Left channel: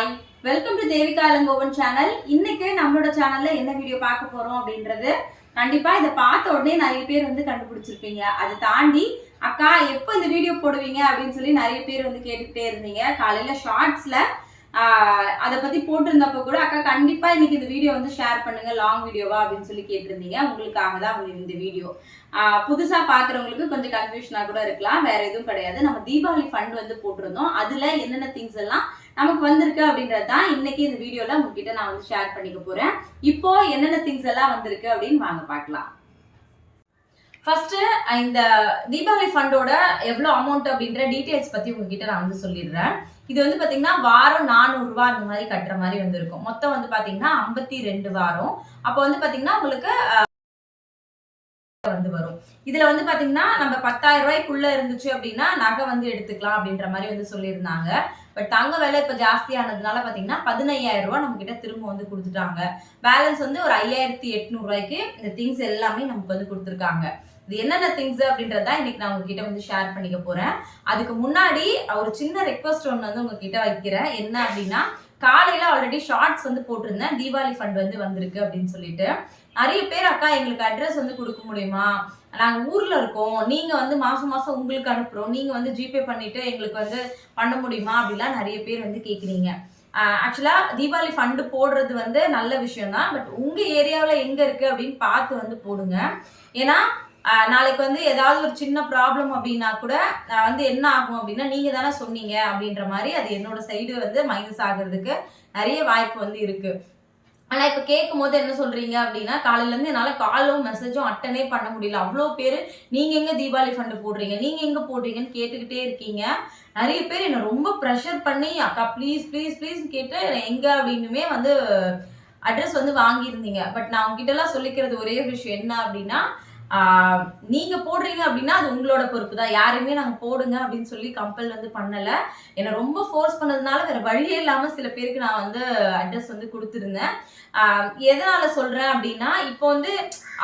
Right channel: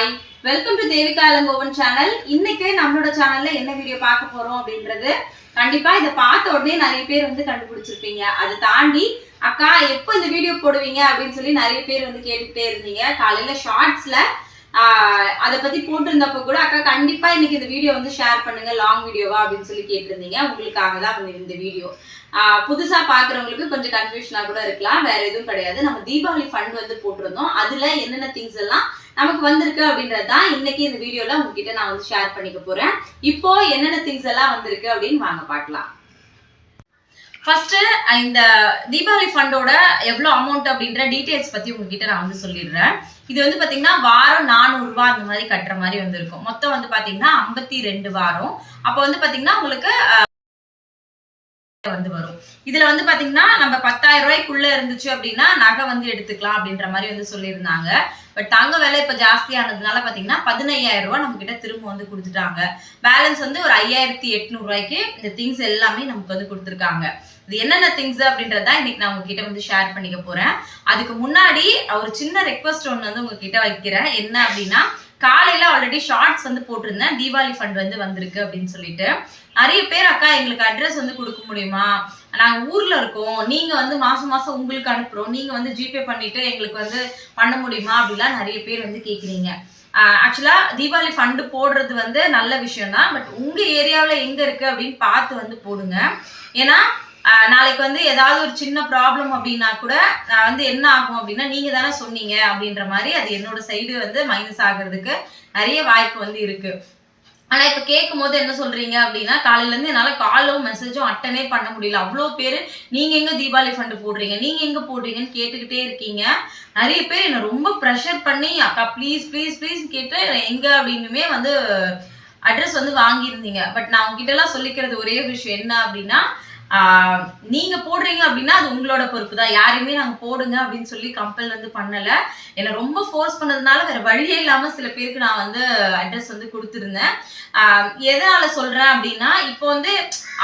Hi welcome to Devika Ilangovan channel இன்னைக்கு நம்மளோட சேனல்ல என்ன வீடியோ பார்க்க போறோம் அப்படின்றது? கண்டிப்பா இதை பார்த்த உடனே நிறைய பேர் வந்து கண்டுபிடிச்சிருப்பீங்க. அதை தாண்டி அக்கா எப்போ இந்த வீடியோ போடுவீங்க? அப்படின்னு சொல்லி நிறைய பேர் வந்து கேட்டுக்கிட்டே இருந்தீங்க. காலையில ஷார்ட்ஸ்ல அதை பத்தி போட்டிருந்தப்ப கூட அக்கா கண்டிப்பா இன்னைக்கு இந்த வீடியோ வந்து ஷேர் பண்ணுங்க. லாங் வீடியோவா அப்படின்னு சொல்லி கேட்டிருந்தீங்க. உங்களுக்காக தான் வந்து இந்த வீடியோ புதுசா பாக்குறவங்களுக்கு கொஞ்சம் கன்ஃபியூஷனா கூட இருக்கலாம். வேற எதுவும் கிடையாது. நம்ம தீபாவளி ஃபண்ட் வந்து போட்டிருந்தோம். அதுல என்னென்ன திங்ஸ் எல்லாம் நமக்கு வந்திருக்கு அப்படின்றது தான் இன்னைக்கு இந்த வீடியோல உங்ககிட்ட நான் வந்து ஷேர் பண்ணிக்க போறேன். இப்போ என்னென்ன திங்ஸ் எல்லாம் வந்திருக்கு அப்படின்னு வாங்க பார்க்கலாம். ஃபர்ஸ்ட் இந்த தீபாவளி ஃபண்டோட எவ்வளோ அமௌண்ட் அப்படின்ற டீட்டெயில்ஸ் பத்தி உங்ககிட்ட நான் வந்து சொல்லிடுறேன். இது வந்து பாத்தீங்கன்னா வாரம் நானூறுரூவா அந்த மாதிரி கட்டுற மாதிரி வந்திருக்கும். மொத்தம் வந்து பாத்தீங்கன்னா ஐம்பத்தி ரெண்டு வாரம். அப்போ வந்து பாத்தீங்கன்னா உங்களுக்கு வந்து வரும். இதுல வந்து பாத்தீங்கன்னா நம்ம பத்தாயிரம் ரூபாய்க்குள்ள இருந்துச்சு அப்படின்னா நகை வந்து எடுத்துக்கலாம் அப்படின்ற மாதிரி வந்து சொல்லியிருந்தாங்க. பட் தங்க விலை இப்போ ஜாஸ்தியானதுனால பார்த்தீங்கன்னா பதினையாயிரம் ரூபா நம்ம கிட்ட திரும்ப வந்து கொடுத்துட்டாங்க. பேலன்ஸ் வந்து ஒரு ஐயாயிரத்தி எட்நூறுவாய்க்கு இந்த திங்ஸ் எல்லாமே நமக்கு வந்து கொடுத்துருக்காங்க. இது என்னென்ன திங்ஸ் அப்படின்றத இன்னைக்கு நான் உங்ககிட்ட வந்து ஷேர் பண்ணிக்க போறேன். அதுக்கு முன்னாடி ஒரு சின்ன ரெக்வஸ்ட் ஒன்று வந்து உங்ககிட்ட வைக்கிறேன். என்ன அப்படின்னா காலையில ஆல்ரெடி ஷார்ட்ஸ் வந்து போட்டிருந்தேன். தீபாவளி ஃபண்ட் வந்து வந்திருக்கு அப்படின்னு சொல்லிட்டு. நிறைய பேர் அக்கா எங்களுக்கு அட்ரஸ் வந்து கொடுக்க முடியுமா? நாங்கள் ஊரில் இருக்கோம். நீங்கள் வந்து மாதம் மாதம் உங்களுக்கு அனுப்புகிறோம் நீங்கள் வந்து ஜிபே பண்ணிவிட்டு எங்களுக்கு வந்து பண்ண முடியுமா அப்படிலாம் நிறைய பேர் வந்து கேட்குறீங்க ஆக்சுவலாக தீபாவளி ஃபண்டு போடுறது வந்து நல்ல விஷயம் தான். பட் உங்கள் ஏரியாவில் எங்கே இருக்குது அப்படின்னு பார்த்து வந்து போடுங்க. ஏன்னா நாளைக்கு வந்து ஏதாவது ஒரு சின்ன ப்ராப்ளம் அப்படின்னா கூட நான் வந்து என்ன ஆகும் அப்படின்னா நீங்கள் தானே சொன்னீங்க அப்படின்ற மாதிரி அது என்னோட சைடு வந்து மைனஸ் ஆகிறதுக்கு நிறைய வாய்ப்பு வந்து இருக்குது ஆனா இப்ப கேட்கும் போது என்ன சொல்றீங்க அப்படின்னா காலையில இருந்து என்னால காலும் மெசேஜும் அட்டனே பண்ண முடியல. அவ்வளோ பேர் நீங்க எங்க தீபாவளி ஃபண்டு போடுறீங்க? நீங்க எங்க போடுறீங்கன்னு கேட்டுக்கிட்டே இருக்கீங்க. நிறைய பேர் என்ன ரொம்ப ப்ரெஷர் பண்ணி அக்கா ப்ளீஸ் ப்ளீஸ் ப்ளீஸ் கேட்டு எங்க? அப்படின்னுமே வந்து அட்ரஸ் வந்து வாங்கியிருந்தீங்க. பட் நான் உங்ககிட்ட எல்லாம் சொல்லிக்கிறது ஒரே விஷயம் என்ன அப்படின்னா நீங்க போடுறீங்க அப்படின்னா அது உங்களோட பொறுப்பு தான் யாரையுமே நாங்க போடுங்க அப்படின்னு சொல்லி கம்பல் வந்து பண்ணல. என்னை ரொம்ப ஃபோர்ஸ் பண்ணதுனால வேற வழியே இல்லாம சில பேருக்கு நான் வந்து அட்ரஸ் வந்து கொடுத்துருந்தேன். எதனால் எதனால சொல்றேன் அப்படின்னா இப்போ வந்து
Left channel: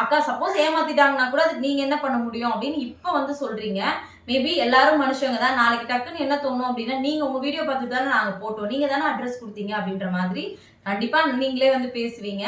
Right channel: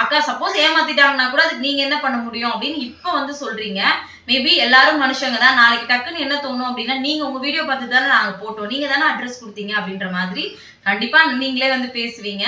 அக்கா சப்போஸ் ஏமாத்திட்டாங்கன்னா கூட அதுக்கு நீங்க என்ன பண்ண முடியும் அப்படின்னு இப்போ வந்து சொல்றீங்க. மேபி எல்லாரும் மனுஷங்க தான். நாளைக்கு டக்குன்னு என்ன தோணும் அப்படின்னா நீங்க உங்க வீடியோ பார்த்து தானே நாங்க போட்டோம். நீங்க தானே அட்ரஸ் கொடுத்தீங்க அப்படின்ற மாதிரி கண்டிப்பா நீங்களே வந்து பேசுவீங்க.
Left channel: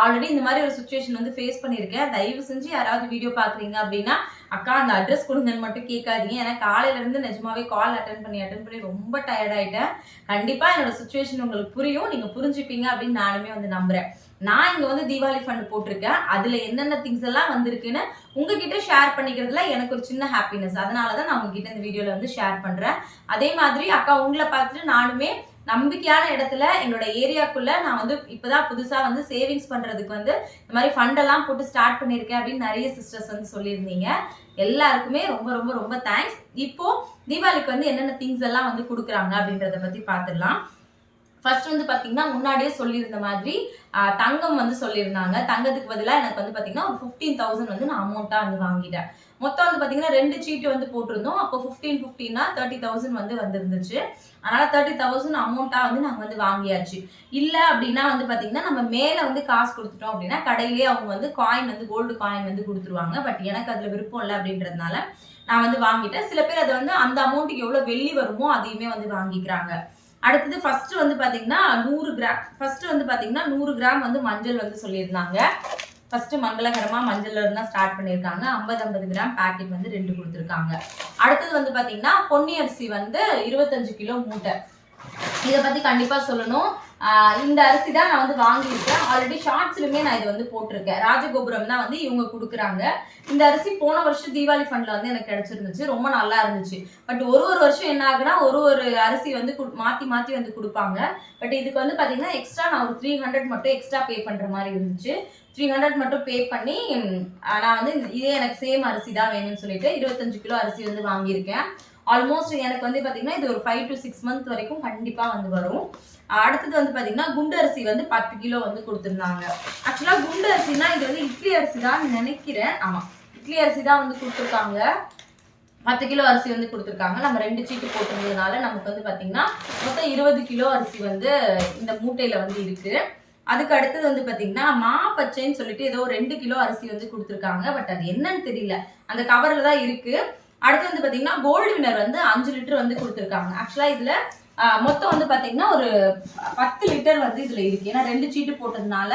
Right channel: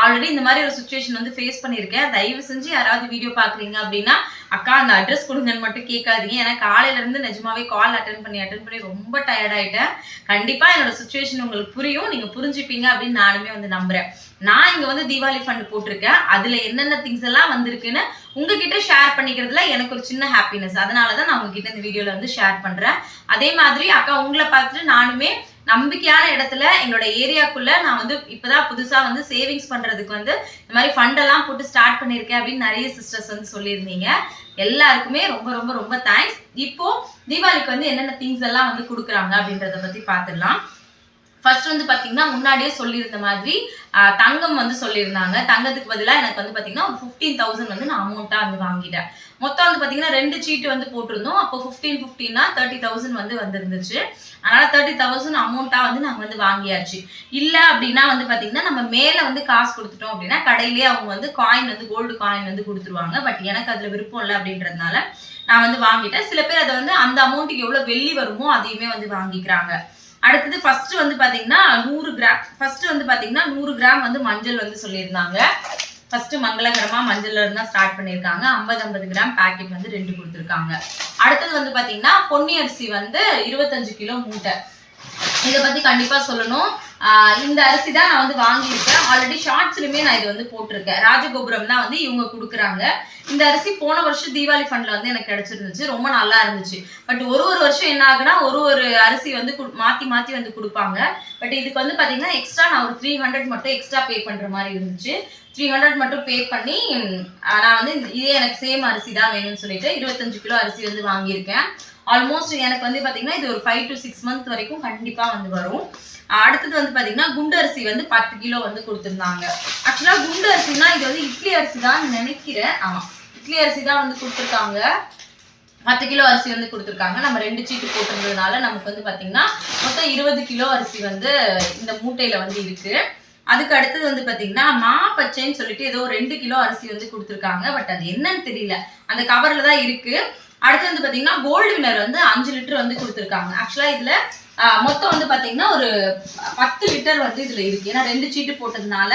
ஆல்ரெடி இந்த மாதிரி ஒரு சுச்சுவேஷன் வந்து ஃபேஸ் பண்ணியிருக்கேன். தயவு செஞ்சு யாராவது வீடியோ பாக்குறீங்க அப்படின்னா அக்கா அந்த அட்ரஸ் கொடுங்கன்னு மட்டும் கேட்காதீங்க. ஏன்னா காலையில இருந்து நிஜமாவே கால் அட்டன் பண்ணி அட்டன் பண்ணி ரொம்ப டயர்ட் ஆயிட்டேன். கண்டிப்பா என்னோட சுச்சுவேஷன் உங்களுக்கு புரியும். நீங்க புரிஞ்சுப்பீங்க அப்படின்னு நானுமே வந்து நம்புறேன். நான் இங்க வந்து தீபாவளி ஃபண்ட் போட்டிருக்கேன். அதுல என்னென்ன திங்ஸ் எல்லாம் வந்திருக்குன்னு உங்ககிட்ட ஷேர் பண்ணிக்கிறதுல எனக்கு ஒரு சின்ன ஹாப்பினஸ் அதனால தான் நான் உங்ககிட்ட இந்த வீடியோல வந்து ஷேர் பண்றேன். அதே மாதிரி அக்கா உங்களை பார்த்துட்டு நானுமே நம்பிக்கையான இடத்துல என்னோட ஏரியாக்குள்ள நான் வந்து இப்பதான் புதுசா வந்து சேவிங்ஸ் பண்றதுக்கு வந்து இந்த மாதிரி ஃபண்ட் எல்லாம் போட்டு ஸ்டார்ட் பண்ணியிருக்கேன் அப்படின்னு நிறைய சிஸ்டர்ஸ் வந்து சொல்லியிருந்தீங்க. எல்லாருக்குமே ரொம்ப ரொம்ப ரொம்ப தேங்க்ஸ் இப்போ தீபாவளிக்கு வந்து என்னென்ன திங்ஸ் எல்லாம் வந்து கொடுக்குறாங்க அப்படின்றத பத்தி பார்த்துடலாம். ஃபர்ஸ்ட் வந்து பார்த்தீங்கன்னா முன்னாடியே சொல்லியிருந்த மாதிரி தங்கம் வந்து சொல்லியிருந்தாங்க. தங்கத்துக்கு பதிலாக எனக்கு வந்து பார்த்தீங்கன்னா ஒரு ஃபிஃப்டீன் தௌசண்ட் வந்து நான் அமௌண்ட்டாக வந்து வாங்கிட்டேன். மொத்தம் வந்து பார்த்தீங்கன்னா ரெண்டு சீட்டு வந்து போட்டிருந்தோம். அப்போ ஃபிஃப்டீன் ஃபிஃப்டின்னா தேர்ட்டி தௌசண்ட் வந்து வந்திருந்துச்சு. அதனால் தேர்ட்டி தௌசண்ட் அமௌண்ட்டாக வந்து நாங்கள் வந்து வாங்கியாச்சு. இல்லை அப்படின்னா வந்து பார்த்தீங்கன்னா நம்ம மேலே வந்து காசு கொடுத்துட்டோம் அப்படின்னா கடையிலேயே அவங்க வந்து காயின் வந்து கோல்டு காயின் வந்து கொடுத்துருவாங்க. பட் எனக்கு அதில் விருப்பம் இல்லை அப்படின்றதுனால நான் வந்து வாங்கிட்டேன். சில பேர் அதை வந்து அந்த அமௌண்ட்டுக்கு எவ்வளோ வெள்ளி வருமோ அதையுமே வந்து வாங்கிக்கிறாங்க. அடுத்தது ஃபர்ஸ்ட் வந்து பாத்தீங்கன்னா நூறு கிராம் ஃபர்ஸ்ட் வந்து பாத்தீங்கன்னா நூறு கிராம் வந்து மஞ்சள் வந்து சொல்லியிருந்தாங்க. ஃபர்ஸ்ட் மங்களகரமா மஞ்சள் இருந்தா ஸ்டார்ட் பண்ணியிருக்காங்க. ஐம்பது ஐம்பது கிராம் பேக்கெட் வந்து ரெண்டு கொடுத்துருக்காங்க. அடுத்தது வந்து பாத்தீங்கன்னா பொன்னி அரிசி வந்து இருபத்தஞ்சு கிலோ மூட்டை. இதை பத்தி கண்டிப்பா சொல்லணும். இந்த அரிசி தான் நான் வந்து வாங்கியிருக்கேன் ஆல்ரெடி ஷார்ட்ஸ்லையுமே நான் இது வந்து போட்டிருக்கேன். ராஜகோபுரம் தான் வந்து இவங்க கொடுக்குறாங்க. இந்த அரிசி போன வருஷம் தீபாவளி ஃபண்ட்ல வந்து எனக்கு கிடைச்சிருந்துச்சு. ரொம்ப நல்லா இருந்துச்சு. பட் ஒரு ஒரு வருஷம் என்ன ஆகுனா ஒரு ஒரு அரிசி வந்து மாற்றி மாற்றி வந்து கொடுப்பாங்க. பட் இதுக்கு வந்து பார்த்தீங்கன்னா எக்ஸ்ட்ரா நான் ஒரு த்ரீ ஹண்ட்ரட் மட்டும் எக்ஸ்ட்ரா பே பண்ணுற மாதிரி இருந்துச்சு. த்ரீ ஹண்ட்ரட் மட்டும் பே பண்ணி நான் வந்து இதே எனக்கு சேம் அரிசி தான் வேணும்னு சொல்லிட்டு இருபத்தஞ்சு கிலோ அரிசி வந்து வாங்கியிருக்கேன். ஆல்மோஸ்ட் எனக்கு வந்து பார்த்தீங்கன்னா இது ஒரு ஃபைவ் டு சிக்ஸ் மந்த் வரைக்கும் கண்டிப்பாக வந்து வரும். அடுத்தது வந்து பார்த்தீங்கன்னா குண்டு அரிசி வந்து பத்து கிலோ வந்து கொடுத்துருந்தாங்க. ஆக்சுவலாக குண்டு அரிசினா இது வந்து இட்லி அரிசி தான் நினைக்கிறேன். ஆமாம் இட்லி அரிசி தான் வந்து கொடுத்துருக்காங்க. பத்து கிலோ அரிசி வந்து கொடுத்துருக்காங்க. நம்ம ரெண்டு சீட்டு போட்டிருந்ததுனால நமக்கு வந்து பார்த்தீங்கன்னா மொத்தம் இருபது கிலோ அரிசி வந்து இந்த மூட்டையில் வந்து இருக்குது அதுக்கு அடுத்தது வந்து பார்த்தீங்கன்னா மா பச்சைன்னு சொல்லிட்டு ஏதோ ரெண்டு கிலோ அரிசி வந்து கொடுத்துருக்காங்க. பட் அது என்னன்னு தெரியல. அந்த கவரில் தான் இருக்குது அடுத்து வந்து பார்த்தீங்கன்னா கோல்டு வினர் வந்து அஞ்சு லிட்டர் வந்து கொடுத்துருக்காங்க. ஆக்சுவலாக இதில் மொத்தம் வந்து பார்த்தீங்கன்னா ஒரு பத்து லிட்டர் வந்து இதில் இருக்குது ஏன்னா ரெண்டு சீட்டு போட்டதுனால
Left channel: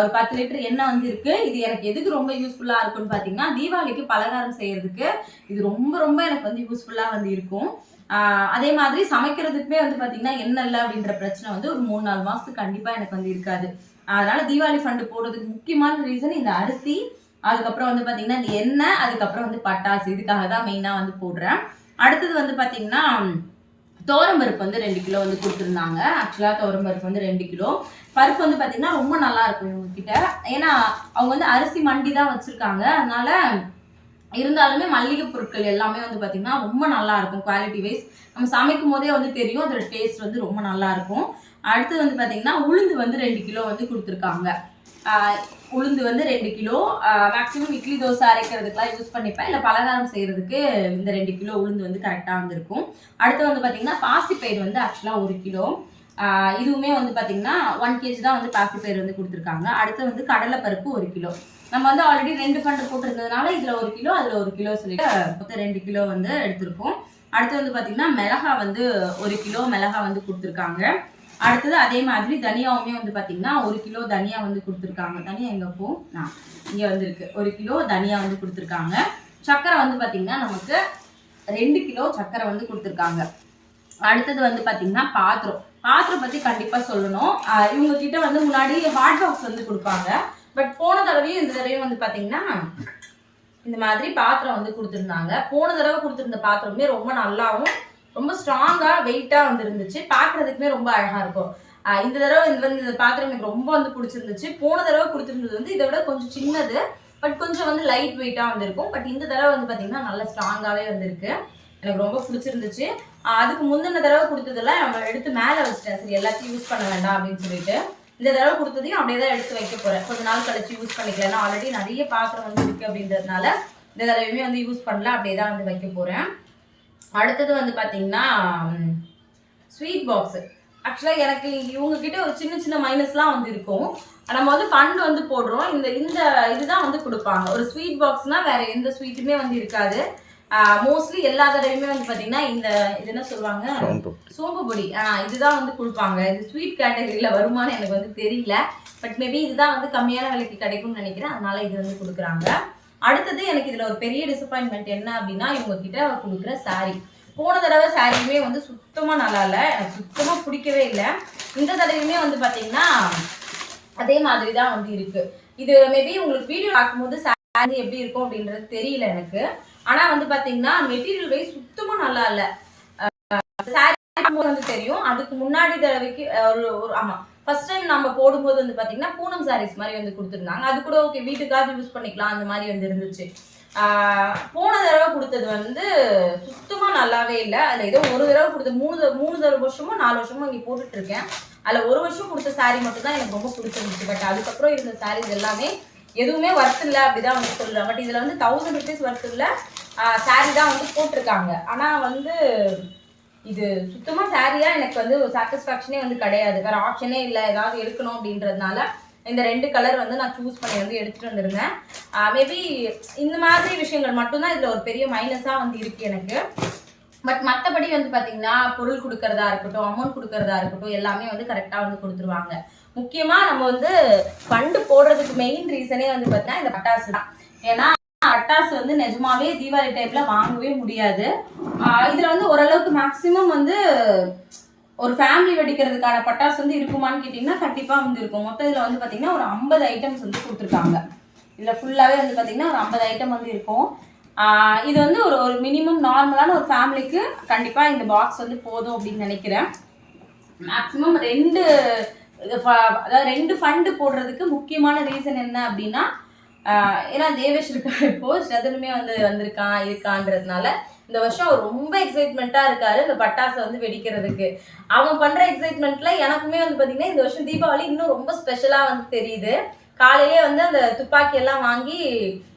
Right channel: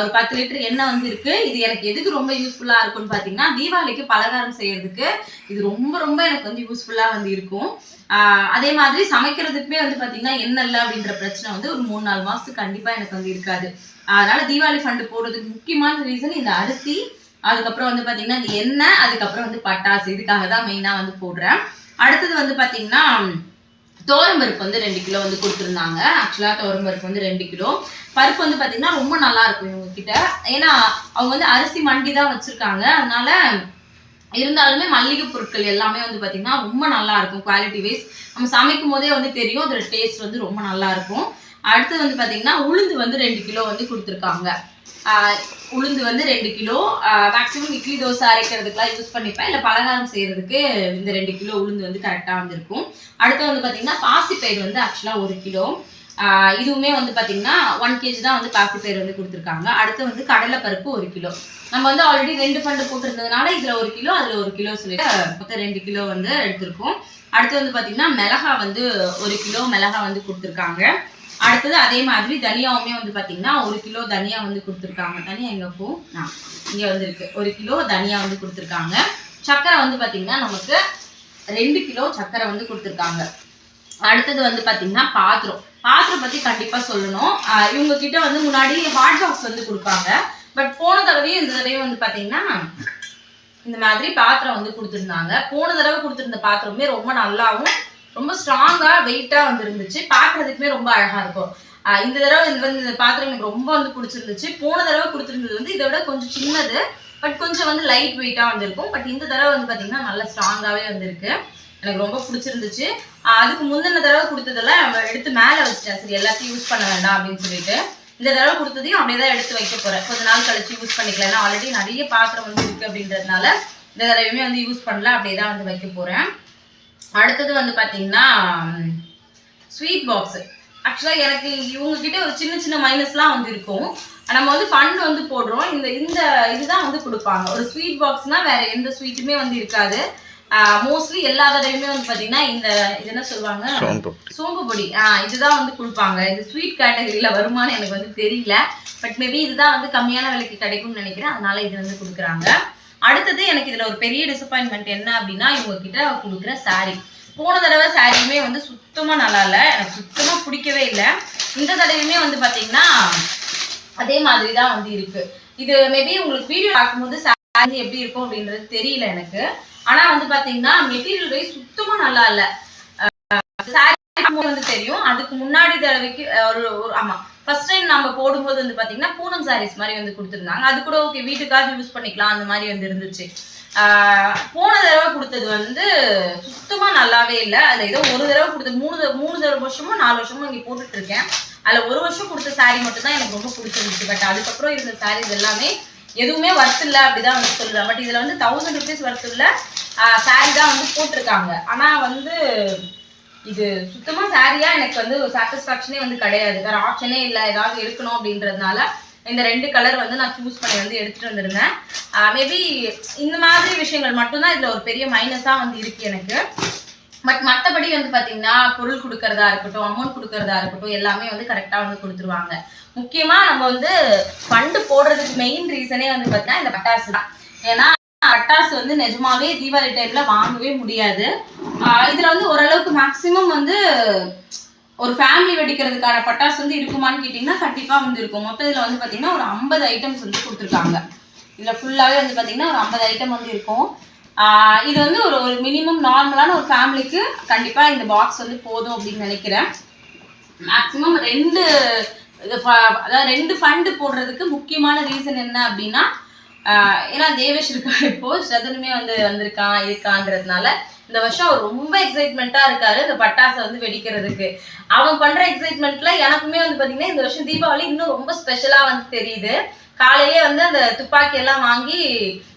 ஒரு பத்து லிட்டர் எண்ணெய் வந்து இருக்கு. இது எனக்கு எதுக்கு ரொம்ப யூஸ்ஃபுல்லாக இருக்கும்னு பார்த்தீங்கன்னா தீபாவளிக்கு பலகாரம் செய்யறதுக்கு இது ரொம்ப ரொம்ப எனக்கு வந்து யூஸ்ஃபுல்லாக வந்து இருக்கும். அதே மாதிரி சமைக்கிறதுக்குமே வந்து பார்த்தீங்கன்னா எண்ணெய் இல்லை அப்படின்ற பிரச்சனை வந்து ஒரு மூணு நாலு மாதத்துக்கு கண்டிப்பாக எனக்கு வந்து இருக்காது. அதனால தீபாவளி ஃபண்டு போடுறதுக்கு முக்கியமான ரீசன் இந்த அரிசி அதுக்கப்புறம் வந்து பார்த்தீங்கன்னா இந்த எண்ணெய் அதுக்கப்புறம் வந்து பட்டாசு. இதுக்காக தான் மெயினாக வந்து போடுறேன். அடுத்தது வந்து பார்த்தீங்கன்னா பருப்பு வந்து ரெண்டு கிலோ வந்து கொடுத்துருந்தாங்க. ஆக்சுவலாக பருப்பு வந்து ரெண்டு கிலோ. பருப்பு வந்து பார்த்தீங்கன்னா ரொம்ப நல்லா இருக்கும் இவங்க கிட்ட ஏன்னா அவங்க வந்து அரிசி மண்டி தான் வச்சுருக்காங்க. அதனால இருந்தாலுமே மல்லிகை பொருட்கள் எல்லாமே வந்து பார்த்தீங்கன்னா ரொம்ப நல்லா இருக்கும். குவாலிட்டி வைஸ் நம்ம சமைக்கும் போதே வந்து தெரியும். அதோட டேஸ்ட் வந்து ரொம்ப நல்லா இருக்கும். அடுத்து வந்து பார்த்தீங்கன்னா உளுந்து வந்து ரெண்டு கிலோ வந்து கொடுத்துருக்காங்க. உளுந்து வந்து ரெண்டு கிலோ. மேக்ஸிமம் இட்லி தோசை அரைக்கிறதுக்குலாம் யூஸ் பண்ணிப்பேன். இல்லை பலகாரம் செய்கிறதுக்கு இந்த ரெண்டு கிலோ உளுந்து வந்து கரெக்டாக வந்திருக்கும். அடுத்து வந்து பார்த்திங்கன்னா பாசிப்பயிர் வந்து ஆக்சுவலாக ஒரு கிலோ. இதுவுமே வந்து பார்த்திங்கன்னா ஒன் கேஜி தான் வந்து பாசிப்பயிர் வந்து கொடுத்துருக்காங்க. அடுத்து வந்து கடலைப்பருப்பு ஒரு கிலோ. நம்ம வந்து ஆல்ரெடி ரெண்டு ஃபண்டு போட்டிருந்ததுனால இதில் ஒரு கிலோ அதில் ஒரு கிலோ சொல்லிட்டு மொத்தம் ரெண்டு கிலோ வந்து எடுத்திருக்கோம். அடுத்து வந்து பார்த்திங்கன்னா மிளகா வந்து ஒரு கிலோ மிளகா வந்து கொடுத்துருக்காங்க. அடுத்தது அதே மாதிரி தனியாவுமே வந்து பார்த்தீங்கன்னா ஒரு கிலோ தனியா வந்து கொடுத்துருக்காங்க. தனியா எங்கே போ? இங்கே வந்துருக்கு ஒரு கிலோ தனியா வந்து கொடுத்துருக்காங்க. சர்க்கரை வந்து பார்த்தீங்கன்னா நமக்கு ரெண்டு கிலோ சர்க்கரை வந்து கொடுத்துருக்காங்க. அடுத்தது வந்து பார்த்தீங்கன்னா பாத்திரம். பாத்திரம் பற்றி கண்டிப்பாக சொல்லணும். இவங்க கிட்ட வந்து முன்னாடி ஹாட் பாக்ஸ் வந்து கொடுப்பாங்க. பட் போன தடவையும் இந்த தடவையும் வந்து பார்த்தீங்கன்னா இந்த மாதிரி பாத்திரம் வந்து கொடுத்துருந்தாங்க. போன தடவை கொடுத்துருந்த பாத்திரமே ரொம்ப நல்லாவும் ரொம்ப ஸ்ட்ராங்கா வெயிட்டா வந்துருந்துச்சு. பார்க்குறதுக்குமே ரொம்ப அழகா இருக்கும். இந்த தடவை இது வந்து இந்த பாத்திரம் எனக்கு ரொம்ப வந்து பிடிச்சிருந்துச்சு. போன தடவை கொடுத்துருந்தது வந்து இதை விட கொஞ்சம் சின்னது பட் கொஞ்சம் வந்து லைட் வெயிட்டா வந்திருக்கும். பட் இந்த தடவை வந்து பாத்தீங்கன்னா நல்ல ஸ்ட்ராங்காவே வந்திருக்கு. எனக்கு ரொம்ப பிடிச்சிருந்துச்சு. அதுக்கு முந்தின தடவை கொடுத்ததெல்லாம் எடுத்து மேலே வச்சிட்டேன். சரி எல்லாத்தையும் யூஸ் பண்ண வேண்டாம் அப்படின்னு சொல்லிட்டு. இந்த தடவை கொடுத்ததையும் அப்படியே தான் எடுத்து வைக்க போறேன். கொஞ்ச நாள் கழிச்சு யூஸ் பண்ணிக்கலாம். ஏன்னா ஆல்ரெடி நிறைய பாத்திரம் வந்து இருக்கு அப்படின்றதுனால இந்த தடவையுமே வந்து யூஸ் பண்ணல. அப்படியே தான் வந்து வைக்க போறேன். அடுத்தது வந்து பாத்தீங்கன்னா ஸ்வீட் பாக்ஸ் ஆக்சுவலாக எனக்கு இவங்க கிட்ட ஒரு சின்ன சின்ன மைனஸ்லாம் வந்து இருக்கும். நம்ம வந்து ஃபண்ட் வந்து போடுறோம். இந்த இந்த இதுதான் வந்து கொடுப்பாங்க. ஒரு ஸ்வீட் பாக்ஸ்னா வேற எந்த ஸ்வீட்டுமே வந்து இருக்காது. மோஸ்ட்லி எல்லா தடவையுமே வந்து பாத்தீங்கன்னா இந்த இது என்ன சொல்லுவாங்க? சோம்பு பொடி. இதுதான் வந்து கொடுப்பாங்க. இது ஸ்வீட் கேட்டகரியில் வருமானு எனக்கு வந்து தெரியல. பட் மேபி இதுதான் வந்து கம்மியான விலைக்கு கிடைக்கும்னு நினைக்கிறேன். அதனால இது வந்து கொடுக்குறாங்க. அடுத்தது எனக்கு இதில் ஒரு பெரிய டிசப்பாயின்மெண்ட் என்ன அப்படின்னா இவங்க கிட்ட கொடுக்குற சாரீ போன தடவை சாரியுமே வந்து சுத்தமாக நல்லா இல்லை. எனக்கு சுத்தமாக பிடிக்கவே இல்லை. இந்த தடவையுமே வந்து பார்த்தீங்கன்னா அதே மாதிரி தான் வந்து இருக்கு. இது மேபி உங்களுக்கு வீடியோ பார்க்கும்போது சாரி எப்படி இருக்கும் அப்படின்றது தெரியல எனக்கு. ஆனா வந்து பாத்தீங்கன்னா மெட்டீரியல் வைஸ் சுத்தமா நல்லா இல்ல. சாரி வந்து தெரியும். அதுக்கு முன்னாடி தடவைக்கு ஒரு ஒரு ஆமா ஃபர்ஸ்ட் டைம் நம்ம போடும்போது வந்து பார்த்தீங்கன்னா பூனம் சாரீஸ் மாதிரி வந்து கொடுத்துருந்தாங்க. அது கூட ஓகே வீட்டுக்காக யூஸ் பண்ணிக்கலாம் அந்த மாதிரி வந்து இருந்துச்சு. போன தடவை கொடுத்தது வந்து சுத்தமாக நல்லாவே இல்லை. அதில் ஏதோ ஒரு தடவை கொடுத்த மூணு மூணு தடவை வருஷமோ நாலு வருஷமோ இங்கே போட்டுட்ருக்கேன். அதில் ஒரு வருஷம் கொடுத்த saree மட்டும் தான் எனக்கு ரொம்ப பிடிச்சிருந்துச்சு. பட் அதுக்கப்புறம் இருந்த சாரீஸ் எல்லாமே எதுவுமே ஒர்த் இல்லை அப்படிதான் வந்து சொல்றேன் பட் இதில் வந்து தௌசண்ட் ருபீஸ் ஒர்த் இல்லை saree தான் வந்து போட்டிருக்காங்க. ஆனால் வந்து இது சுத்தமா சாரியா எனக்கு வந்து சாட்டிஸ்ஃபேக்ஷனே வந்து கிடையாது. வேற ஆப்ஷனே இல்லை. ஏதாவது எடுக்கணும் அப்படின்றதுனால இந்த ரெண்டு கலர் வந்து நான் சூஸ் பண்ணி வந்து எடுத்துட்டு வந்திருந்தேன். மேபி இந்த மாதிரி விஷயங்கள் மட்டும்தான் இதுல ஒரு பெரிய மைனஸா வந்து இருக்கு எனக்கு. பட் மற்றபடி வந்து பார்த்தீங்கன்னா பொருள் கொடுக்கறதா இருக்கட்டும் அமௌண்ட் கொடுக்கறதா இருக்கட்டும் எல்லாமே வந்து கரெக்டாக வந்து கொடுத்துருவாங்க. முக்கியமாக நம்ம வந்து ஃபண்டு போடுறதுக்கு மெயின் ரீசனே வந்து பார்த்தீங்கன்னா இந்த பட்டாசு தான். ஏன்னா பட்டாசு வந்து நிஜமாவே தீபாவளி டைம்ல வாங்கவே முடியாது. இதுல வந்து ஓரளவுக்கு மேக்சிமம் வந்து ஒரு ஃபேமிலி வெடிக்கிறதுக்கான பட்டாசு வந்து இருக்குமான்னு கேட்டிங்கன்னா கண்டிப்பாக வந்து இருக்கும். மொத்தம் இதில் வந்து பார்த்தீங்கன்னா ஒரு ஐம்பது ஐட்டம்ஸ் வந்து கொடுத்துருக்காங்க. இதில் ஃபுல்லாகவே வந்து பார்த்தீங்கன்னா ஒரு ஐம்பது ஐட்டம் வந்து இருக்கும். இது வந்து ஒரு ஒரு மினிமம் நார்மலான ஒரு ஃபேமிலிக்கு கண்டிப்பாக இந்த பாக்ஸ் வந்து போதும் அப்படின்னு நினைக்கிறேன். மேக்ஸிமம் ரெண்டு இது ஃப- அதாவது ரெண்டு ஃபண்டு போடுறதுக்கு முக்கியமான ரீசன் என்ன அப்படின்னா ஏன்னா தேவேஷ் இருக்கா இப்போ? சதனுமே வந்து வந்திருக்கான் இருக்கான்றதுனால இந்த வருஷம் அவர் ரொம்ப எக்ஸைட்மெண்ட்டாக இருக்காரு இந்த பட்டாசை வந்து வெடிக்கிறதுக்கு. அவன் பண்ற எக்ஸைட்மெண்ட்ல எனக்குமே வந்து பாத்தீங்கன்னா இந்த வருஷம் தீபாவளி இன்னும் ரொம்ப ஸ்பெஷலா வந்து தெரியுது. காலையிலே வந்து அந்த துப்பாக்கி எல்லாம் வாங்கி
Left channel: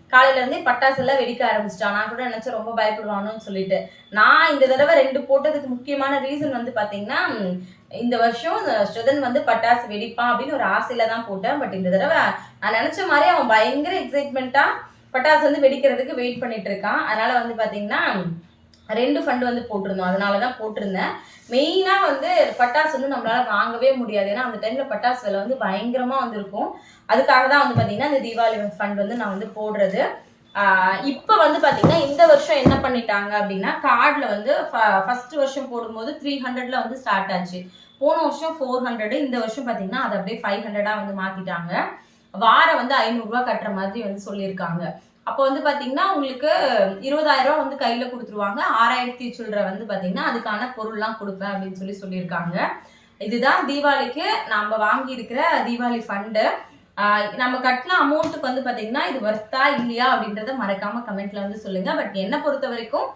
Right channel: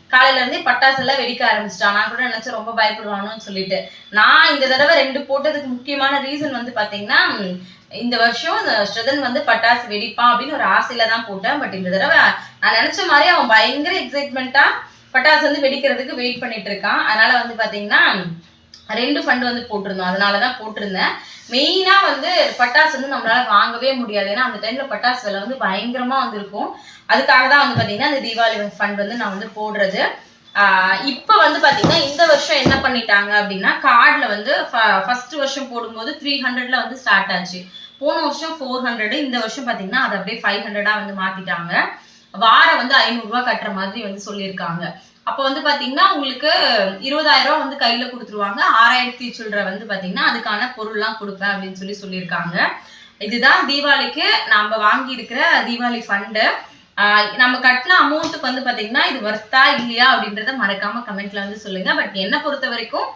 காலையில இருந்தே பட்டாசு எல்லாம் வெடிக்க ஆரம்பிச்சிட்டான். நான் கூட நினைச்சேன் ரொம்ப பயப்படுவானு சொல்லிட்டு. நான் இந்த தடவை ரெண்டு போட்டதுக்கு முக்கியமான ரீசன் வந்து பாத்தீங்கன்னா இந்த வருஷம் அந்த ஸ்ரதன் வந்து பட்டாசு வெடிப்பான் அப்படின்னு ஒரு ஆசையில தான் போட்டேன். பட் இந்த தடவை நான் நினைச்ச மாதிரி அவன் பயங்கர எக்ஸைட்மெண்ட்டா பட்டாசு வந்து வெடிக்கிறதுக்கு வெயிட் பண்ணிட்டு இருக்கான். அதனால வந்து பாத்தீங்கன்னா ரெண்டு ஃபண்டு வந்து போட்டிருந்தோம். அதனால தான் போட்டிருந்தேன். மெயினா வந்து பட்டாசு வந்து நம்மளால வாங்கவே முடியாது. ஏன்னா அந்த டைம்ல பட்டாசு விலை வந்து பயங்கரமா வந்துருக்கும். அதுக்காக தான் வந்து பாத்தீங்கன்னா அந்த தீபாவளி ஃபண்ட் வந்து நான் வந்து போடுறது. ஆஹ் இப்போ வந்து பாத்தீங்கன்னா இந்த வருஷம் என்ன பண்ணிட்டாங்க அப்படின்னா கார்டில் வந்து ஃபர்ஸ்ட் வருஷம் போடும்போது த்ரீ ஹண்ட்ரட்ல வந்து ஸ்டார்ட் ஆச்சு. போன வருஷம் ஃபோர் ஹண்ட்ரடு இந்த வருஷம் பார்த்தீங்கன்னா அதை அப்படியே ஃபைவ் ஹண்ட்ரடாக வந்து மாற்றிட்டாங்க வாரம் வந்து ஐநூறுரூவா கட்டுற மாதிரி வந்து சொல்லியிருக்காங்க. அப்போ வந்து பார்த்தீங்கன்னா உங்களுக்கு இருபதாயிரம் ரூபா வந்து கையில் கொடுத்துருவாங்க. ஆறாயிரத்தி சில்லற வந்து பார்த்தீங்கன்னா அதுக்கான பொருள்லாம் கொடுப்பேன் அப்படின்னு சொல்லி சொல்லியிருக்காங்க. இதுதான் தீபாவளிக்கு நம்ம வாங்கியிருக்கிற தீபாவளி ஃபண்டு நம்ம கட்டின அமௌண்ட்டுக்கு வந்து பார்த்தீங்கன்னா இது ஒர்த்தா இல்லையா அப்படின்றத மறக்காமல் கமெண்ட்ல வந்து சொல்லுங்கள் பட் என்னை பொறுத்த வரைக்கும்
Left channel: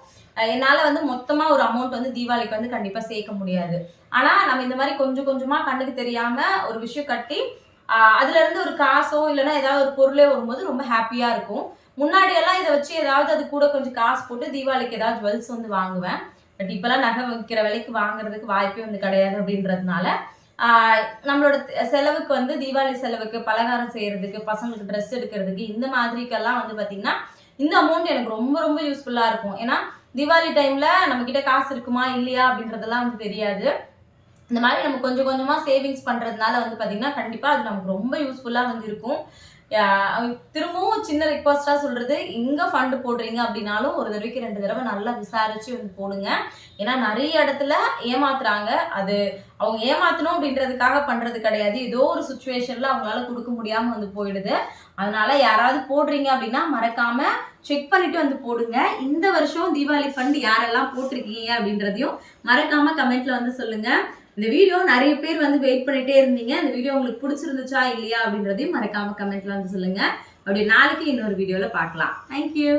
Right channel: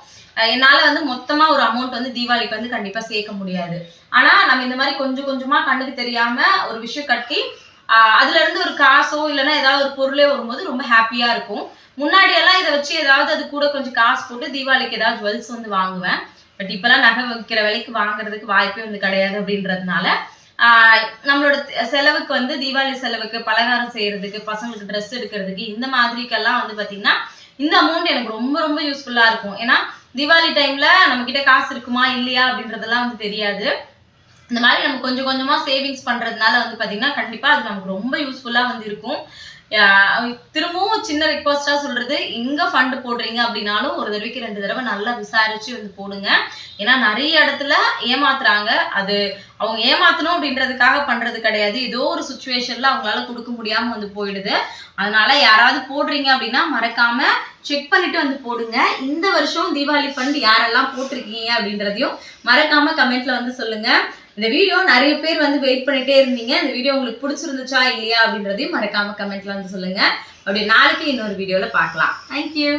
என்னால் வந்து மொத்தமாக ஒரு அமௌண்ட் வந்து தீபாவளிக்கு வந்து கண்டிப்பாக சேர்க்க முடியாது. ஆனால் நம்ம இந்த மாதிரி கொஞ்சம் கொஞ்சமாக கண்ணுக்கு தெரியாமல் ஒரு விஷயம் கட்டி அதுலேருந்து ஒரு காசோ இல்லைன்னா ஏதாவது ஒரு பொருளே வரும்போது ரொம்ப ஹாப்பியாக இருக்கும். முன்னாடி எல்லாம் இதை வச்சு ஏதாவது அது கூட கொஞ்சம் காசு போட்டு தீபாவளிக்கு ஏதாவது ஜுவல்ஸ் வந்து வாங்குவேன். பட் இப்போலாம் நகை வைக்கிற விலைக்கு வாங்குறதுக்கு வாய்ப்பே வந்து கிடையாது அப்படின்றதுனால நம்மளோட செலவுக்கு வந்து தீபாவளி செலவுக்கு பலகாரம் செய்யறதுக்கு பசங்களுக்கு ட்ரெஸ் எடுக்கிறதுக்கு இந்த மாதிரிக்கெல்லாம் வந்து பார்த்தீங்கன்னா இந்த அமௌண்ட் எனக்கு ரொம்ப ரொம்ப யூஸ்ஃபுல்லாக இருக்கும். ஏன்னா தீபாவளி டைம்ல நம்ம கிட்ட காசு இருக்குமா இல்லையா அப்படின்றதெல்லாம் வந்து தெரியாது. இந்த மாதிரி நம்ம கொஞ்சம் கொஞ்சமா சேவிங்ஸ் பண்றதுனால வந்து பாத்தீங்கன்னா கண்டிப்பா அது நமக்கு ரொம்ப யூஸ்ஃபுல்லா வந்து இருக்கும். திரும்பவும் சின்ன ரிக்வஸ்டா சொல்றது எங்க ஃபண்ட் போடுறீங்க அப்படின்னாலும் ஒரு தடவைக்கு ரெண்டு தடவை நல்லா விசாரிச்சு வந்து போடுங்க. ஏன்னா நிறைய இடத்துல ஏமாத்துறாங்க. அது அவங்க ஏமாத்தணும் அப்படின்றதுக்காக பண்றது கிடையாது. ஏதோ ஒரு சுச்சுவேஷன்ல அவங்களால கொடுக்க முடியாம வந்து போயிடுது. அதனால யாராவது போடுறீங்க அப்படின்னா மறக்காம செக் பண்ணிட்டு வந்து போடுங்க. இந்த வருஷம் தீபாவளி ஃபண்ட் யாரெல்லாம் போட்டிருக்கீங்க அப்படின்றதையும் மறக்காம கமெண்ட்ல வந்து சொல்லுங்க. இந்த வீடியோ நிறைய பேர் வந்து வெயிட் பண்ணிட்டே இருந்தீங்க. இந்த வீடியோ உங்களுக்கு பிடிச்சிருந்துச்சா இல்லையா அப்படின்றதையும் மறக்காம கமெண்ட்ல வந்து சொல்லுங்க. அப்படி நாளைக்கு இன்னொரு வீடியோல பார்க்கலாம். தேங்க்யூ